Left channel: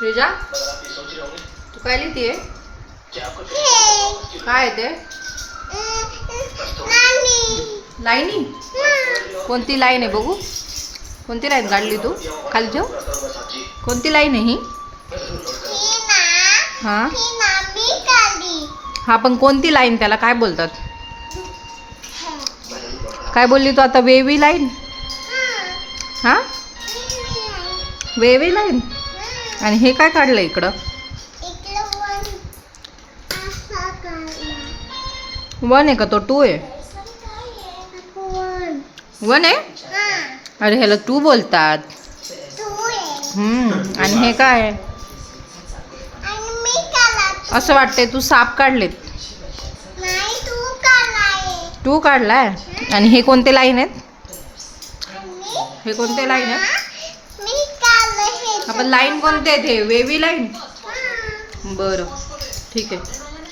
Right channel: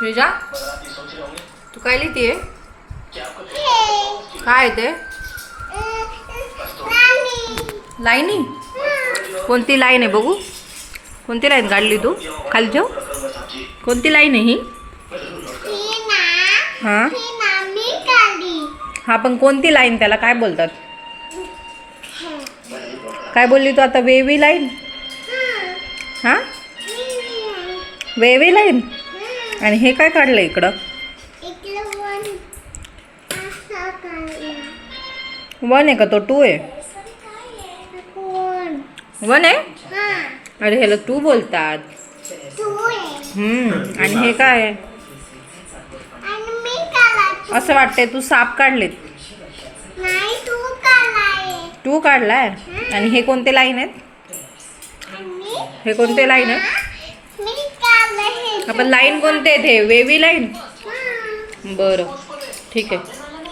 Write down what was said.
श्रीजा तू काय लिहितीये? काय ते लाईनी? कोणती लाईन आहे बघू? कोणती लाईन काढली तू? खाली ठेव. कोणती लाईन आहे ही? हा हा, पण कोणती लाईन? त्याला काय बोलतात? काय बोलली तू आता? Wavy line? हा, वेवी लाईन. आणि हे काय काढलं इकडं? वन आहे का तो? टू आहे? वन आहे? अरे ह्याला टू बोलतात. आणि हे काय आहे? असं वाटतंय तू साप काढलेत. टू काढलाय. आणि हे कोणते लाईन आहेत? हे कोणते लाईन आहेत? आपण लाईन कोणते आहेत? हे वेवी लाईन. बरं ठीक आहे.